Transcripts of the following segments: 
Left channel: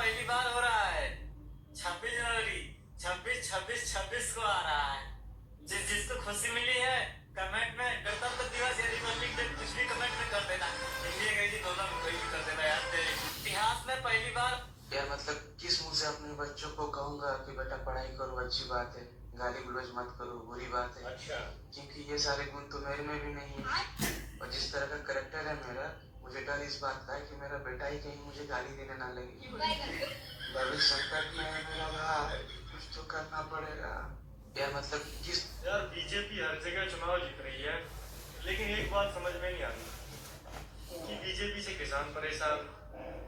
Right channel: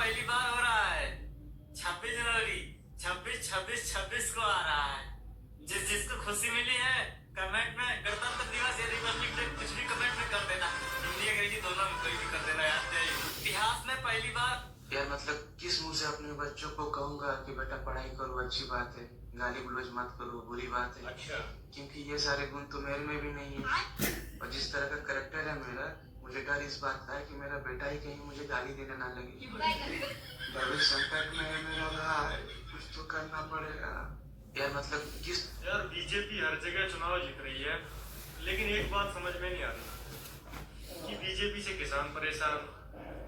पहली बार हो रहा है। 26 जनवरी 26 को आ रहा है। जिसको खुशी मिली है कमेंट में गणतंत्र दिवस या रिपब्लिक डे कुछ भी कमेंट में कर देना। हिंदी अंग्रेजी दोनों में कोई भी कर देना यार। इतिहास में पहली बार यार मतलब किस मुंह से अपने बच्चों को कहूंगा कि बेटा पढ़ाई करो, अच्छी बात है, गाली गलौज मत करो, बुरी बात है। अच्छा। क्योंकि ये सारे गुण तो मेरे में भी नहीं है। और जिस तरह का करेक्टर है मेरा, मुझे डर इस बात का है कि मेरा बेटा ही कहीं मुझे गाली देने ना लगे। भविष्य संकट में है मेरा भाई, कुछ तो करना पड़ेगा यार। मतलब किस यार बीजेपी हर जगह चुनाव जीत रही है, लेकिन एक बात समझ में नहीं आती कि बीजेपी से किसान परेशान,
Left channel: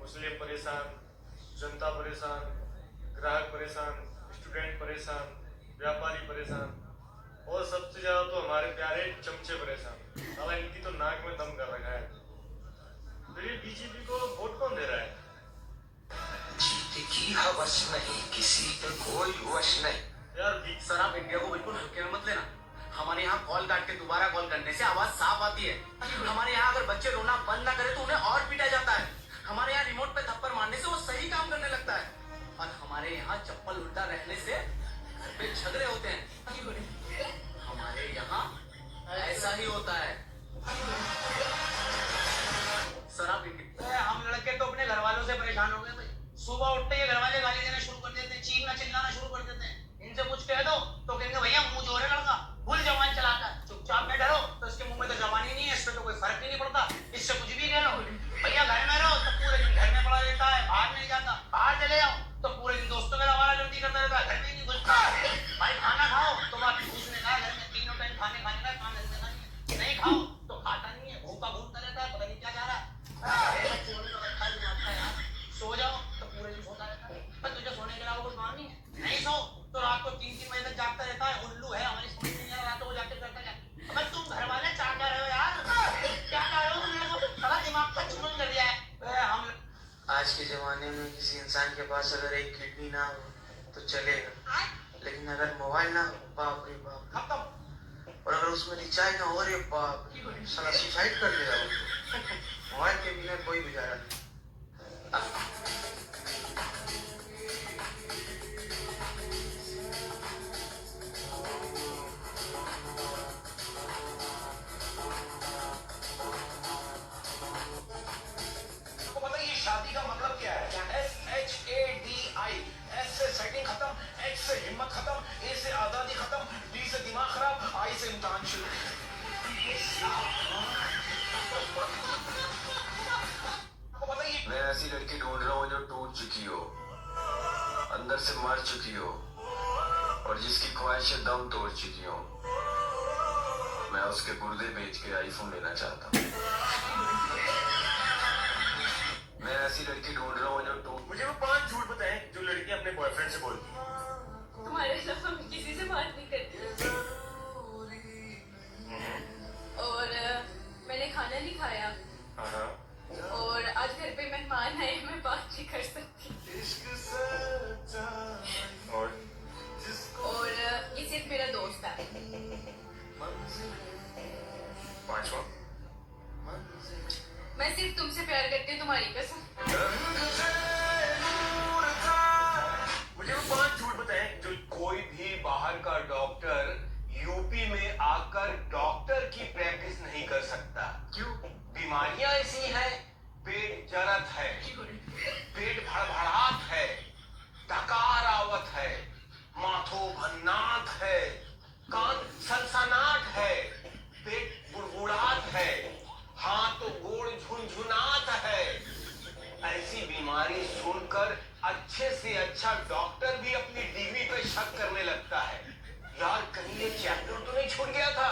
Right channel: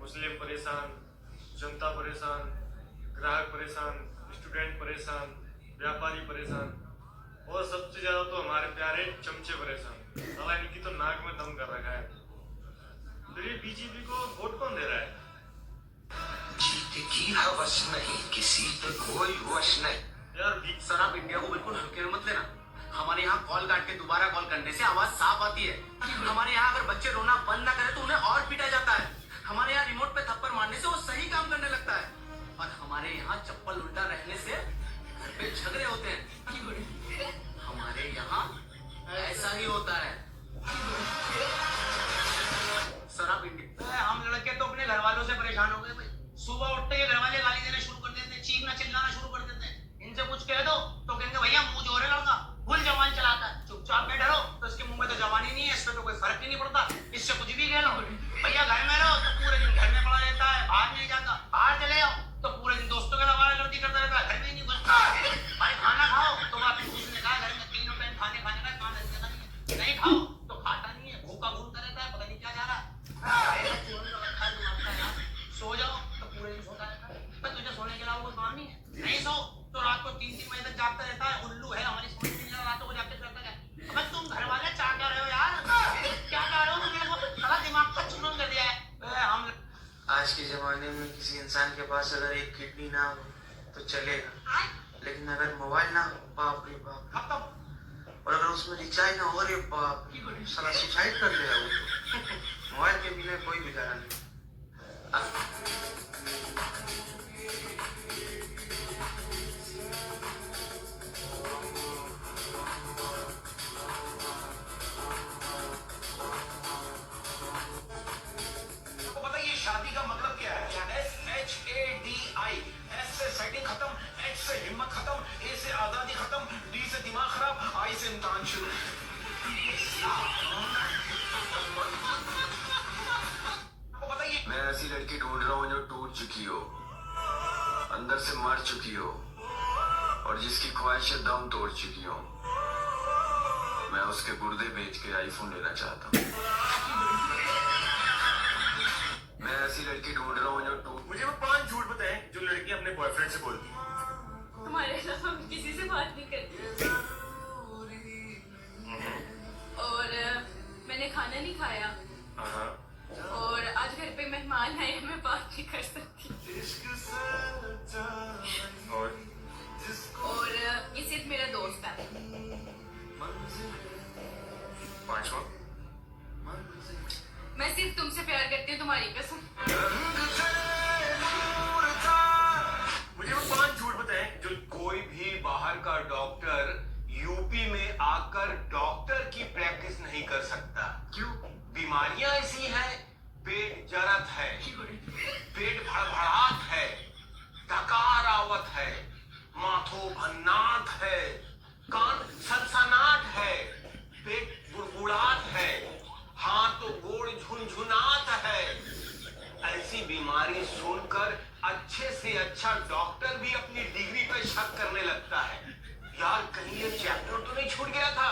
मुस्लिम परेशान, जनता परेशान, ग्राहक परेशान, स्टूडेंट परेशान, व्यापारी परेशान, और सबसे ज्यादा तो हमारे प्यारे चमचे परेशान। साला इनकी तो नाक में दम कर रखा है। फिर ये बीजेपी को वोट कौन दे रहा है? जीत की हवस नहीं, किसी पे कोई वश नहीं यार सर आप इंडिया को बिल्कुल हल्के में मत लेना। हमारे यहाँ कॉल काट के दोबारा कॉल करने से आवाज साफ आती है। हमारे यहाँ अगर बच्चे रोना बंद ना करे तो उन्हें और पीटा जाता है। हमारे यहाँ रिमोट पे थप्पड़ मारने से वो सही काम करने लगता है। और हमारे यहाँ चप्पल उल्टा रहने से घर पे झगड़े होते हैं। हमारे यहाँ ऐसा ही होता है। सर आप हम लड़के तो अपने घर वालों से परेशान हो गए भाई। सुबह उठते ही घर वाले गाली देना शुरू कर देते हैं, चीखना चिल्लाना शुरू कर देते हैं। इनसे कुछ कह दो तो कहेंगे भैया मुंह जोर है लड़का, फुल जवान चलाता है, चुपचाप बैठे रहो तो इसके मुंह में तो जवानी नहीं है, इस पे तो कोई फर्क ही नहीं पड़ता, इससे कुछ भी कह लो। भैया घर में रहो तो पूरे दिन घर में पड़ा रहता है, बाहर नहीं जाता। बाहर चले जाओ तो पूरे दिन दोस्तों के आवारागर्दी करता रहता है, घर में नहीं घुसता। भाई खाना खाओ तो बात उसने कहा घर में तीनों टाइम खाने का खाना नहीं खाओ तो खाता नहीं है, भूखा घूमता रहता है, पता नहीं क्या जा रहा है। सो जाओ तो पूरे दिन सोता रहता है। तुझे सोने के अलावा कोई काम नहीं है? नहीं सो तो रात को 3-3 बजे तक जागता रहता है। उल्लू है, हमारी समझ में नहीं आ रहा रातों को जागते रहता है। अब तुम घर वाले चाह क्या रहे हो यार? क्या कह रहे हो तुम लोगों को? सारा दिमाग का चूरन कर दिया है। हम आज के जमाने में किसी इंसान के पास अगर एक किडनी ना हो तो चलेगा, लेकिन अगर मोबाइल ना हो, बाप रे बाप, खत्म। और अगर उसमें रिचार्ज ना हो, रे बाप, साला सुसाइड कर लेगा वो तो। मोबाइल के बिना कोई गुजारा नहीं। शादी का मतलब क्या है? SHADI। S से सेटिंग खत्म, H से हिम्मत खत्म, A से आजादी खत्म, D से दिमाग खराब, I से इम्तिहान शुरू। मैं ऐसी लड़की ढूंढ रहा हूँ जो टूट चुकी हो, अंदर से मर चुकी हो, और जिसकी ख्वाहिशें दम तोड़ चुकी हो। मैं उसके गुर्दे बेच के आईफोन लेना चाहता हूँ। मैं ऐसी लड़की ढूंढ रहा हूँ जो टूट। मुझे वो 5 झूठ बताएं जो लड़की अपने बॉयफ्रेंड से बोलती है। तुम्हारे अलावा मैं किसी से बात नहीं करती और मैंने खाना नहीं खाया और आज घर पे मेहमान आए, मैं बात नहीं कर सकती। और ये सिर्फ मेरा दोस्त है। 5वां मैं सिर्फ तुमसे प्यार करती हूँ, तुम्हारी कसम। मुझे वो 5 झूठ बताएं जो कोई भी बाहर का डॉक्टर यूपी में आकर डॉक्टर की प्रैक्टिस नहीं कर सकता। क्यों? बीमारियां ऐसी हैं, पेट जरत है, पेट भड़भड़ात है, डकार आवत है, माथो भन्नाट है, कान सनसनाट है, पेट बुड़बुड़ात है, हाथ तो गोड़ झुनझुनात है। ऐसी बीमारी सुनकर अच्छे से अच्छा डॉक्टर भी अपनी डिग्री पे शक करने लगता है। यार कहीं ये चैप्टर तो नहीं छूट गया था?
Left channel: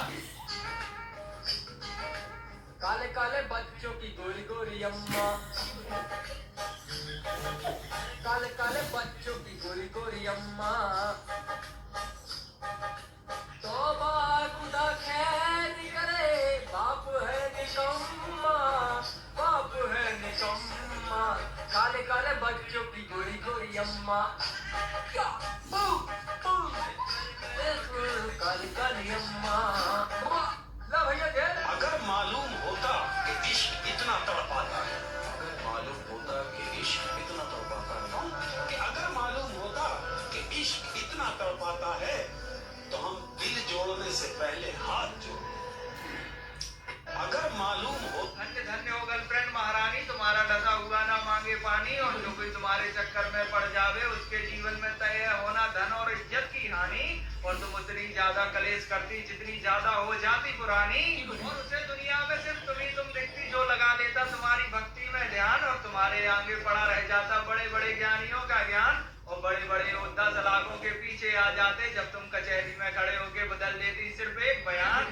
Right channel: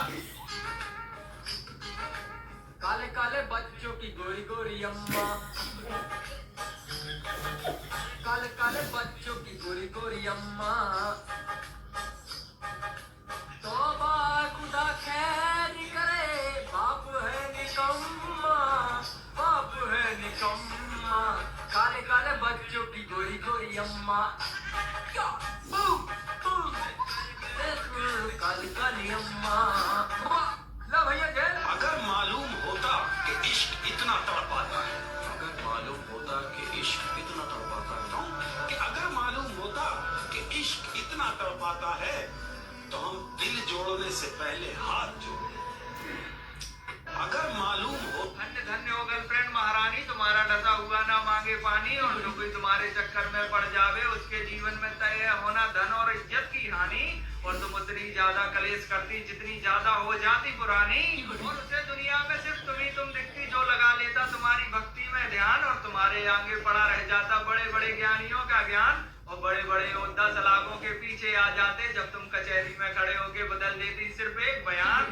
काले काले बच्चों की गोरी गोरी अम्मा, काले काले बच्चों की गोरी गोरी अम्मा, तौबा खुदा खैर करे, बाप है निकम्मा, बाप है निकम्मा। काले काले बच्चों की गोरी गोरी अम्मा, काली काली अम्मा। ला भैया जेल। अगर मालूम होता कि इश्क इतना तड़पाता है, अगर मालूम होता कि इश्क कितना तड़पाता है, भी तुम्हारे चक्कर में पड़ जावे, उसके जीवन में तय होना धन और इज्जत की हानि, और तुम उतनी ज्यादा कलेश करती जितनी ज्यादा हो जाती पुरानी, और उसे दुनिया में सिर्फ तुम दिखती जो लगा लेता तुम्हारी भक्ति में ध्यान, और तुम्हारे आगे पड़ा रह जाता बड़े बड़े ज्ञानियों का ज्ञान, और बड़े बड़े योद्धा सलाखों के पीछे आ जाते जब तुम कचहरी में खड़े होके बदल देती सिर्फ एक बयान,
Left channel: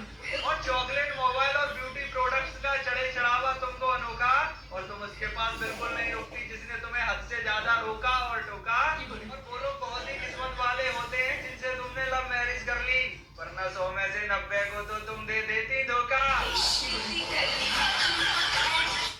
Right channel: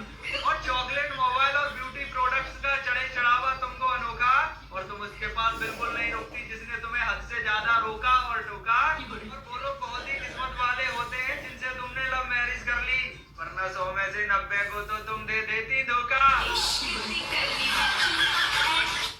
और चॉकलेट, मोबाइल और ब्यूटी प्रोडक्ट्स का चढ़े चढ़ावा तुमको अनोखा, और तुम उसके पास बिल्कुल नहीं रुकती जिसने तुम्हें हद से ज्यादा रोका और टोका, और बोलो बहुत ही किस्मत वाले होते हैं जिनसे तुमने लव मैरिज कर ली, वरना 100 में से 90 को तो तुम दे देती धोखा।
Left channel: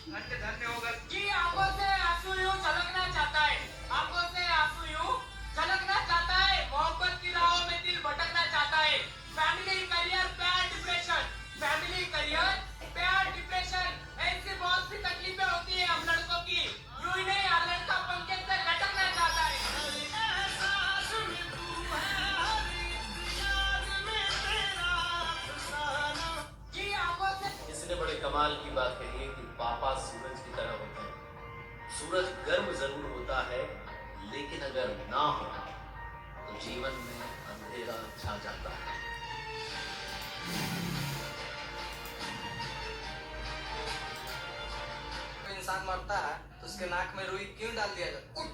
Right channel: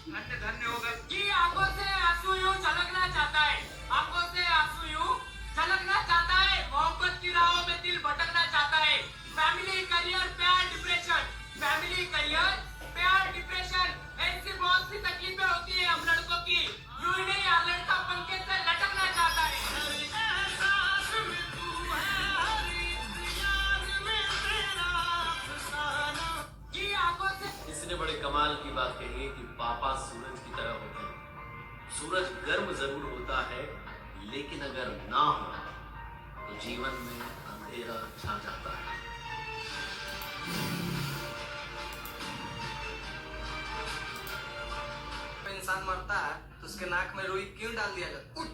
धन्य धन्य होगा जी, आंखों से आंसू यूं छलकना चाहता है, आंखों से आंसू यूं छलकना चाहता है, मोहब्बत की राहों में दिल भटकना चाहता है, फैमिली करियर प्यार डिप्रेशन, फैमिली करियर प्यार डिप्रेशन, ऐसी बहुत सी तकलीफें होती है हम लड़कों की, यूं ही नहीं हर लड़का पंखे से लटकना चाहता है। जी, आंखों से इसने बड़े कमाल की बात कही है कि पापा सूरज की तरह होते हैं। सूरज गर्म जरूर होता है, लेकिन अगर ना हो तो जीवन में अंधेरा छा जाता है। इंसान मरता है तो उसके नाक में रुई क्यों डाल दिया जाता है?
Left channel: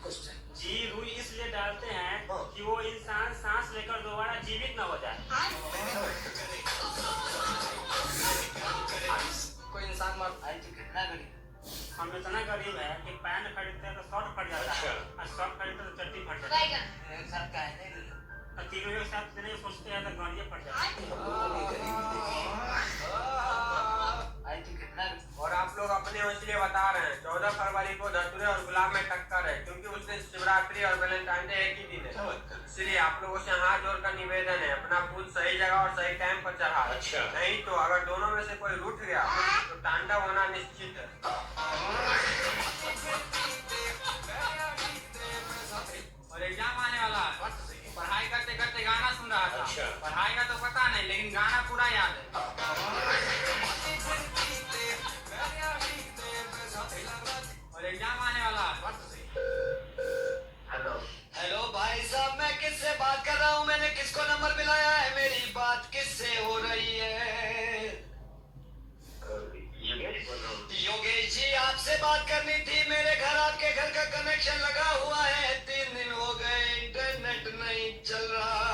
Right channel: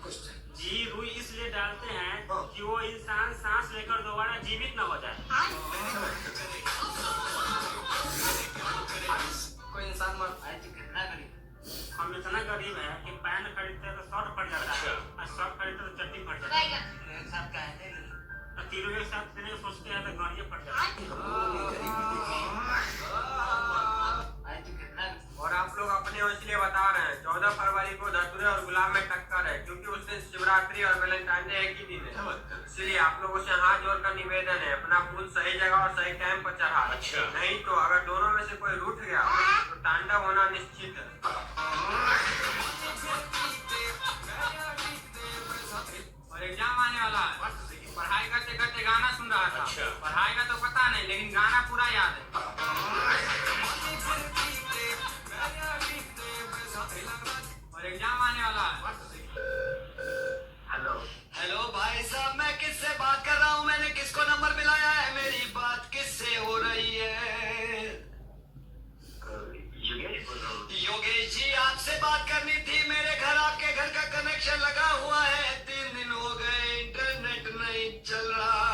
जी, रुई इसलिए डालते हैं कि वो इंसान सांस लेकर दोबारा जीवित न हो जाए। कोई इंसान मरता है तो कितना गरीब, हम इतना गरीब है कि पैन खरीदते हैं तो शर्ट फट जाता है, और शर्ट खरीदते तो चट्टी फट जाता है, एक साथ का है और तीनों एक साथ देने सोचते हैं तो गाड़ियाँ फट जाती है। और आप लोग अपने इसलिए बता रहे हैं 14 फरवरी को धतूरे और गुलाब में टक्कर है, क्योंकि उस दिन शिवरात्रि और वैलेंटाइन डे एक ही दिन है। इसलिए आप लोगों से हाथ जोड़कर निवेदन है, अपना फूल सही जगह और सही टाइम पर चढ़ा। नहीं तो अगर दोनों में से कोई रूठ गया तो तांडव होना निश्चित है। और एग्जाम आने वाला है, पढ़ाई करते करते गाना सुन रहा था, पढ़ाई का तो पता नहीं लेकिन गाना पूरा याद है। और एग्जाम आने वाला है। हेलो हेलो भाई साहब, मैं किससे बात कर रहा हूँ? मैंने किसको नंबर मिलाया है? मेरी बात किससे हो रही है? योगेश जी, आपसे बात करनी थी। मेरे घर आपके घर का कनेक्शन लगा हुआ है, 3 दिन हो गए इंटरनेट नहीं चल रहा।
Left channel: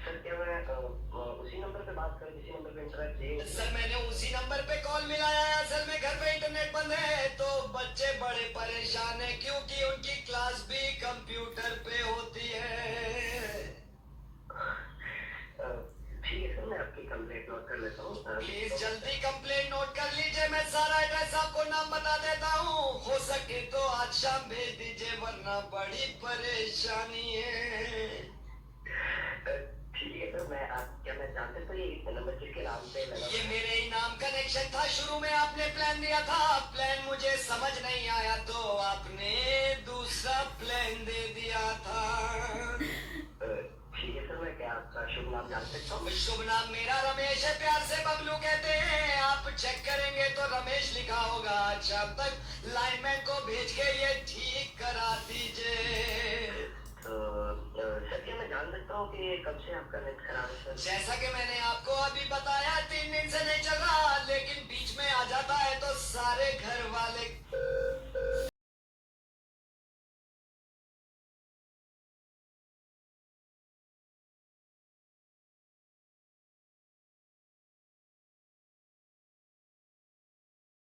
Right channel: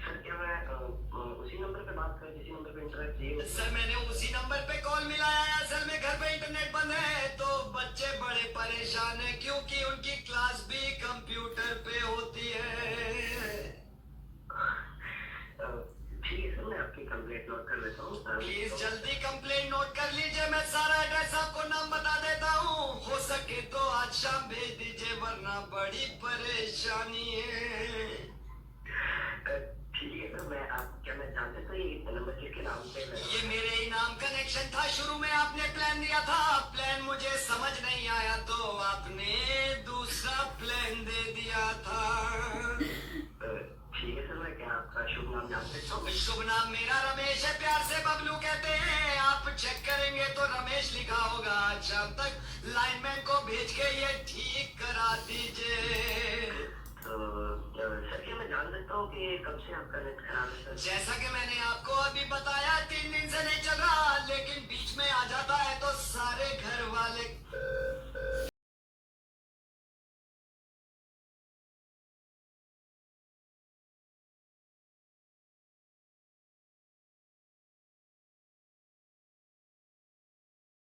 सर, क्या मैं उसी नंबर पे बात करूं जिसी नंबर पे इंटरनेट चाहिए? सर, मैंने उसी नंबर पे कॉल मिलाया है। असल में घर पे इंटरनेट बंद है तो बच्चे बड़े परेशान हैं, क्योंकि उनकी क्लास भी कंप्यूटर पे होती है। ठीक है सर, मैं आपकी कंप्लेंट नोट कर लेता हूँ। प्लीज जल्दी कंप्लेंट नोट कर लीजिए। मैं सारा एड्रेस आपको नाम बता देता हूँ, हो सके तो आज शाम भेज दीजिए, वरना बड़ी परेशानी है। ठीक है सर, मैं जान सकता हूँ ये नंबर किसके नाम पे लगा? ये मेरे ही नाम कनेक्शन था। शुरू में आपने प्लान दिया था, प्लान मुझे समझ नहीं आया तो आपने दूसरा प्लान दे दिया था। ठीक है सर, मैं क्या आपका शुभ नाम जान सकता हूँ? शुभ नाम मेरा रमेश है, प्यार से बबलू कहते हैं। आप चेक करेंगे तो रमेश लिखा होगा। शाम तक लाइनमैन को भेज के ये ठीक करा दीजिए। तो सर, क्या मैं जान सकता हूँ कि कब से आपका नेट खराब है सर? जैसा कि मैंने आपको अभी बताया, 3 दिन से नहीं चल रहा, लेकिन बीच में आ जाता है तो सारे घर वाले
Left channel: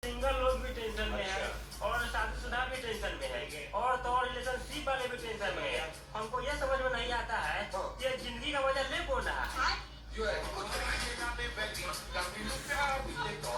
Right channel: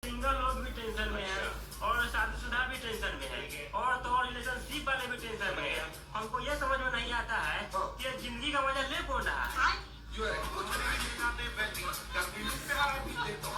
सिंगल लोग भी टेंशन में है, और शादीशुदा भी टेंशन में है, और तो और रिलेशनशिप वाले भी टेंशन में है। हमको ये समझ में नहीं आता है कि जिंदगी का मजा ले कौन रहा है।